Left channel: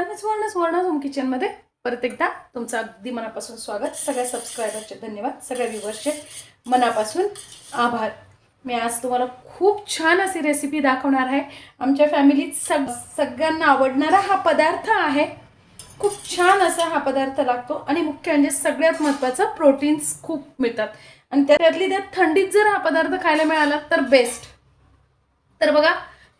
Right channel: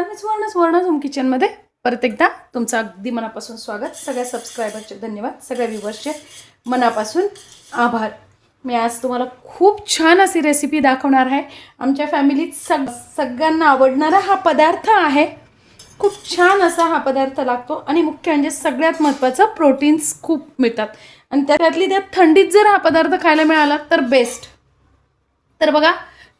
नमस्कार, मी स्वर्ण होम किचनमध्ये परत एकदा तुमचं अगदी मनापासून स्वागत. सगळ्या सबस्क्रायबरचे धन्यवाद, सगळ्या व्ह्यूअर्सचे मनापासून आभार. मी आज तुम्हाला खूप छान अशी रेसिपी दाखवणार आहे. आमच्या फॅमिलीत सगळ्यांना आवडणारा हा पदार्थ आहे. खूप छान असा हा पदार्थ लागतो आणि मुख्य म्हणजे सगळ्यात महत्त्वाचं प्रोटीन्स खूप मिळतात आणि त्यातली त्यात थंडीत जर हा पदार्थ खायला मिळाला तर बेस्ट. तर बघा,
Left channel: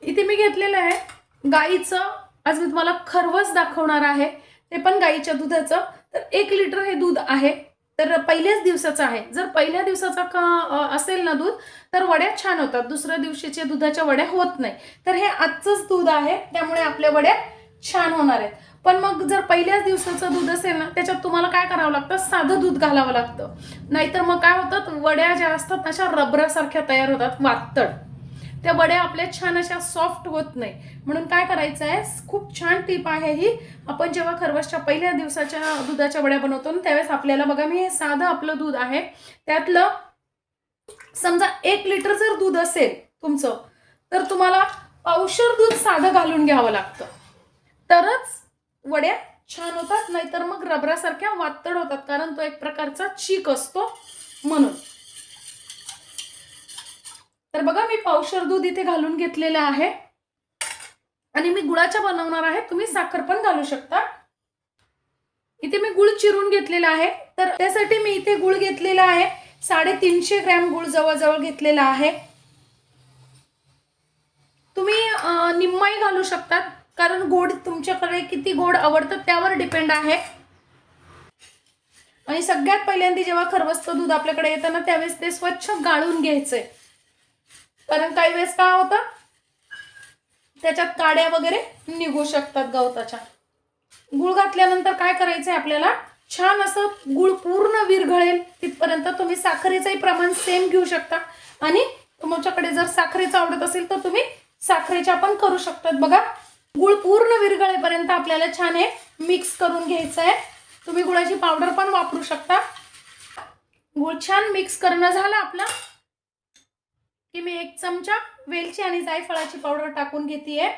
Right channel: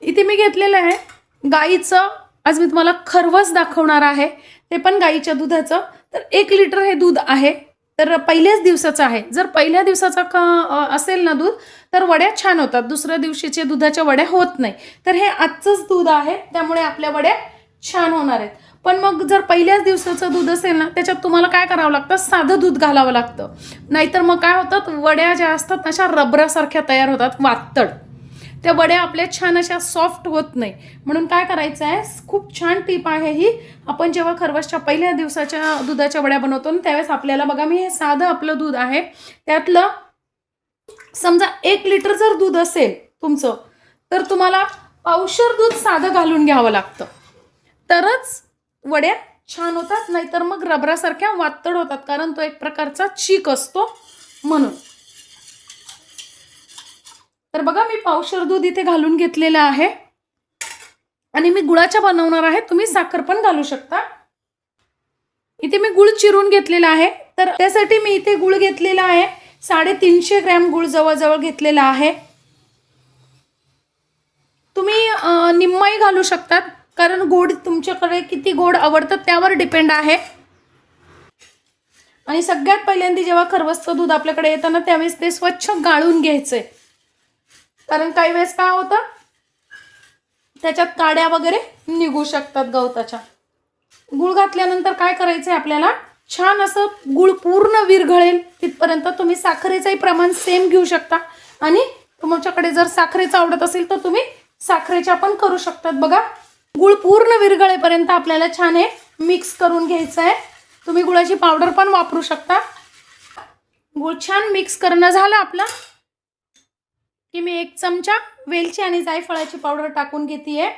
इथे मी घेतलेलं आहे गाईचं, आज मी तुम्हाला खरवस दाखवणार आहे, ते पण गाईच्या दुधाचं. तर 1 लिटर हे दूध आहे. तर पहिल्याच दिवसाचं आहे. जर पहिल्या दिवसाचा असेल ना दूध, तर वड्या छान होतात. दुसऱ्या दिवशीच्या दुधाच्या वड्या होत नाही. तर हे आजचंच दूध आहे, त्यामुळे आपल्या वड्या छान होणार आहेत. पण मग जर पहिल्याच दिवसाचं दूध असेल ना, त्याच्यात तुम्हाला काय करावं लागतं, साधं दूध घालावं लागतं. नाहीतर मग काय होतात, वड्या ज्या असतात अशा रबरासारख्या तयार होतात, वातड. त्या वड्या आपल्या छान अशा सॉफ्ट होत नाही. म्हणून काय करायचं आहे, खूप छान टीप आहे ही. आपण जेव्हा खरवसच्या पहिल्या दिवसाच्या दुधाच्या वड्या बनवतो ना, त्यावेळेस आपल्याला बघा, मी हे साधं आपलं दूध आहे, त्यातलं समजा 1 लिटर जर दूध असेल तुमचं, तर तुम्हाला पावशेर दूध साधं घालून घ्यावं लागतं, तरच वड्या छान होतात. नाहीतर मग रबरासारख्या वातड होतात, कारण तो एक प्रकारचा चीक असतो म्हणून. तर बघा, मी पावशेर दूध इथे घालून घेतलेलं आहे आणि मी गुळाच्या बनवणार आहे. तुम्ही साखर पण घालू शकता. इथे मी गुळ चिरून घेतलेला आहे. तर त्यासाठी मी इथे गुळ घेतलेला आहे 350 ग्रॅम गुळ जवळजवळ घेतलेला आहे. तुम्ही निम्माही घालू शकतात, कारण गोड तुमच्याकडे किती गोड आवडतं त्यावर डिपेंड आहे. आणि सगळ्यात पहिल्यांदा जेव्हा खरवसचं दूध आपल्याकडे येतं ना, त्यावेळेस ते स्वच्छ गाळून घ्यायचंय. कारण काही वेळेस काय होतं, त्याच्यात काड्या वगैरे निघू शकतात गवताच्या. गुळ घातल्यानंतर काय करायचंय आपल्याला, छान असं गुळ पूर्ण विरघळेल तिथपर्यंत तुम्ही साखरेचंही प्रमाण सेम घेऊ शकता. आणि तुमच्याकडे जर साखरेचं आवडत असेल तर तुम्ही साखरेच्या पण करू शकतात. बघा, गुळ पूर्ण विरघळेपर्यंत आपल्याला छान हे मिक्स करून घ्यायचं आहे. तुम्ही गुळाची पावडर पण वापरू शकता. गुळ छान मिक्स करणं झालं आपलं की मी 1 चमचा वेलची आणि जायफळाची पावडर टाकून घेतेय.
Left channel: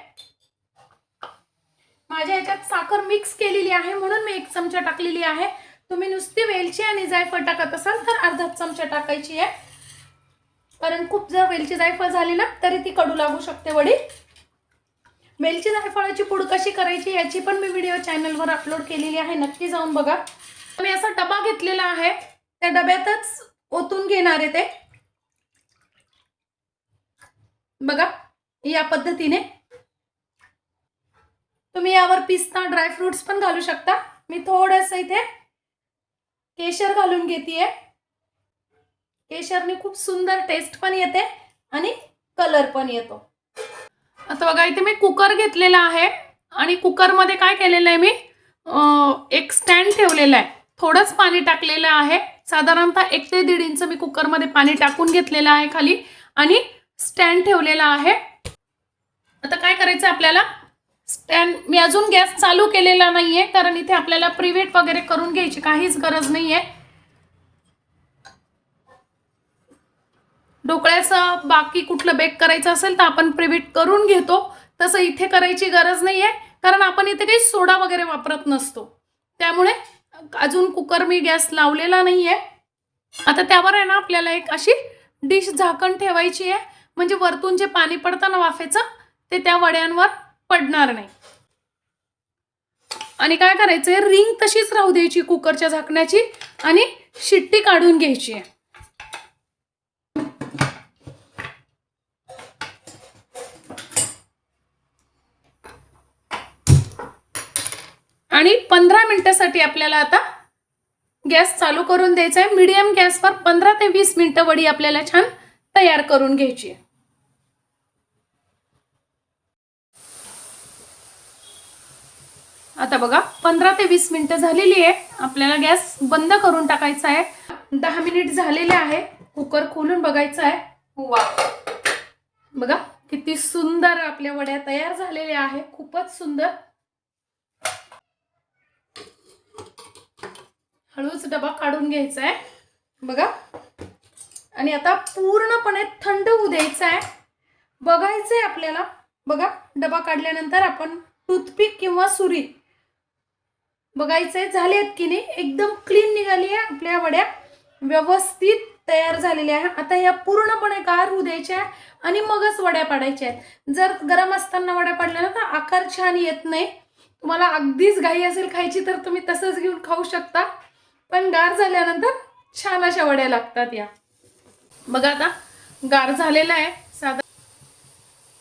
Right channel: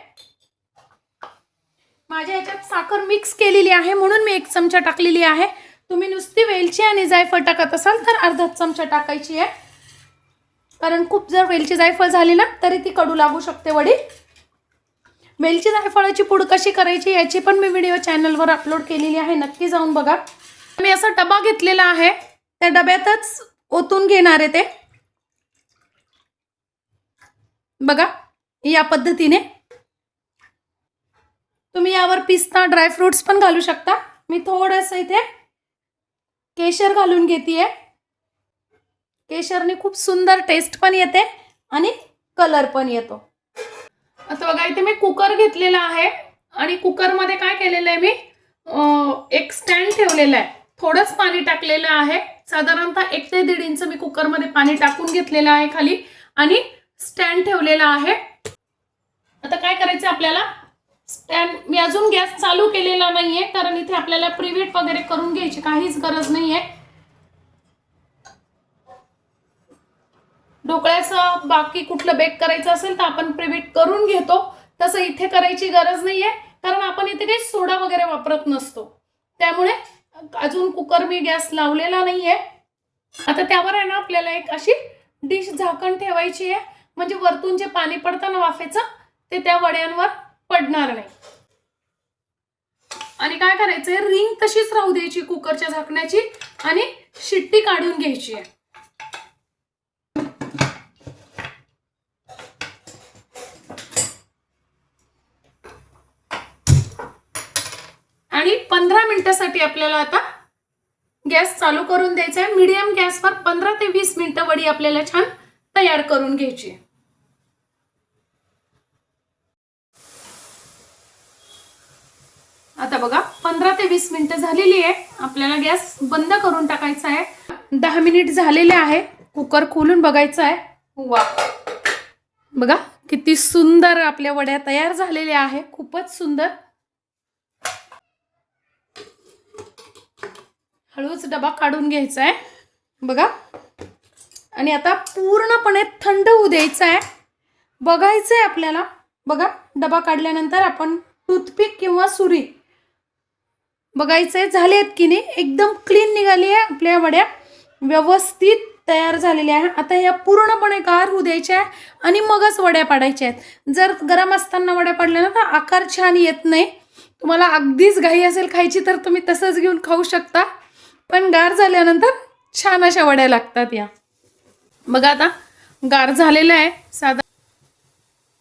माझ्या ह्याच्यात साखर मिक्स केलेली आहे म्हणून मी 1 चमचा टाकलेली आहे. तुम्ही नुसती वेलची आणि जायफळ टाकत असाल तर अर्धा चमचा टाकायची आहे, कारण खूप जर वेलची जायफळ झाली ना तरी ती कडू लागू शकते वडी. वेलची जायफळाची पूड कशी करायची याची पण मी व्हिडिओ चॅनलवर अपलोड केलेली आहे, नक्की जाऊन बघा. मी असा डबा घेतलेला आहे, त्या डब्यातच ओतून घेणार आहे ते. बघा, या पद्धतीने. तुम्ही यावर पिस्ता ड्रायफ्रुट्स पण घालू शकता. मी थोडंसं इथे केशर घालून घेतेय. केशरने खूप सुंदर टेस्ट पण येते आणि कलर पण येतो. आता बघा, इथे मी कुकर घेतलेला आहे आणि कुकरमध्ये काय केलेलं आहे, मी एक स्टँड ठेवलेला आहे. थोडंच पाणी टाकलेलं आहे, साधारणतः 1 ते 1.5 इंच मी कुकरमध्ये पाणी टाकून घेतलेलं आहे खाली आणि स्टँड ठेवलेला आहे. आता काय करायचं आपल्याला, स्टँड मी अजून गॅस चालू केलेला नाहीये, कारण इथे आपल्याला प्रीहीट वगैरे करून घ्यायची काहीच गरज नाहीये. ढोकळ्याचं बाकी कुठलं बेक करायचं असेल तर आपण प्रीहीट करून घेतो, तसं इथे करायची गरज नाहीये, कारण आपण इथे काही सोडा वगैरे वापरत नसतो. त्यामुळे अजून कुकर मी गॅस लावलेला नाहीये. आता त्यावर आहे ना आपल्याला एक अशी डिश झाकण ठेवायची आहे, म्हणजे वरतून जे पाणी पडतं ना वाफेचं, ते त्या वड्यांवर पडणार नाही. आणि काय करायचंय, रिंग तशीच राहू द्यायची कुकरच्या झाकण्याची आणि शिट्टी काढून घ्यायची आहे. आणि 15 मिनिटांसाठी आपल्याला आता गॅस चालू करून द्यायचा आहे. मीडियम गॅसवर 15 ते 20 मिनिटं वडी आपल्याला छान तयार करून घ्यायची. आता बघा, 15 ते 20 मिनिटं झालेली आहे. आपल्याला गॅस बंद करून टाकायचा आहे. 10 मिनिट झालेले आहे. कुकर खोलून बघायचा आहे. वा, बघा किती सुंदर आपल्या वड्या तयार झालेल्या आहे, खूपच सुंदर. हळूच डबा काढून घ्यायचा आहे. बघा, आणि आता पूर्णपणे थंड होऊ द्यायचा आहे. बघायचंय आपल्याला. बघा, डबा काढल्यानंतर आपण टूथपिक किंवा सुरी बघायचंय झालेत की नाही, एकदम क्लीन निघाली आहे आपल्या वड्या, व्यवस्थित तयार झालेल्या आहे. आता या पूर्णपणे गार होऊ द्यायच्या आहे आणि मगच वड्या पाडायच्या आहेत. जर गरम असताना वड्या पाडल्या ना तर आकार छान येत नाही. तुम्हाला अगदीच घाई असेल खायची तर तुम्ही तसंच घेऊन खाऊ शकता, पण गार झाल्यानंतर छान अशा वड्या लागतात या. बघा आता गार झालेलं आहे साधा,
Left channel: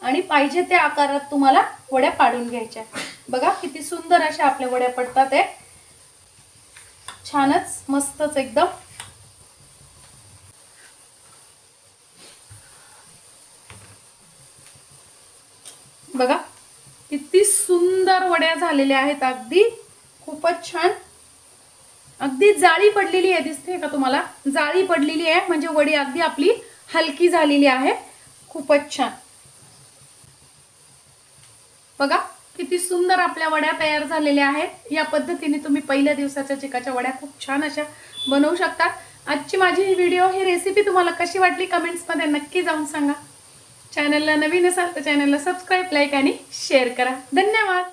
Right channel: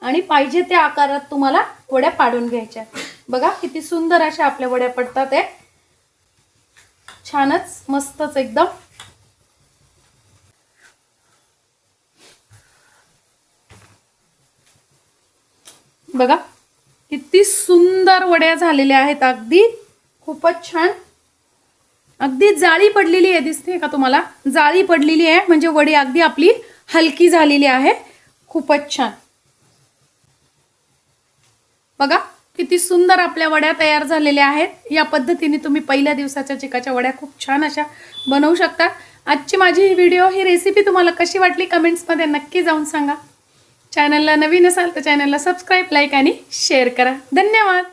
आणि पाहिजे त्या आकारात तुम्हाला वड्या पाडून घ्यायच्या. बघा किती सुंदर अशा आपल्या वड्या पडतात आहे, छानच मस्तच एकदम. बघा किती सुंदर वड्या झालेल्या आहेत, अगदी खूपच छान. अगदी जाळी पडलेली आहे, दिसते का तुम्हाला? जाळी पडलेली आहे म्हणजे वडी अगदी आपली हलकी झालेली आहे, खूपच छान. बघा किती सुंदर आपल्या वड्या तयार झालेल्या आहेत. या पद्धतीने तुम्ही पहिल्या दिवसाच्या चिकाच्या वड्या खूप छान अशा बनवू शकता. आजची माझी ही व्हिडिओ, ही रेसिपी तुम्हाला कशी वाटली कमेंट्समध्ये नक्की जाऊन सांगा. चॅनलला नवीन असाल तर चॅनलला सबस्क्राईब, लाईक आणि शेअर करा. धन्यवाद.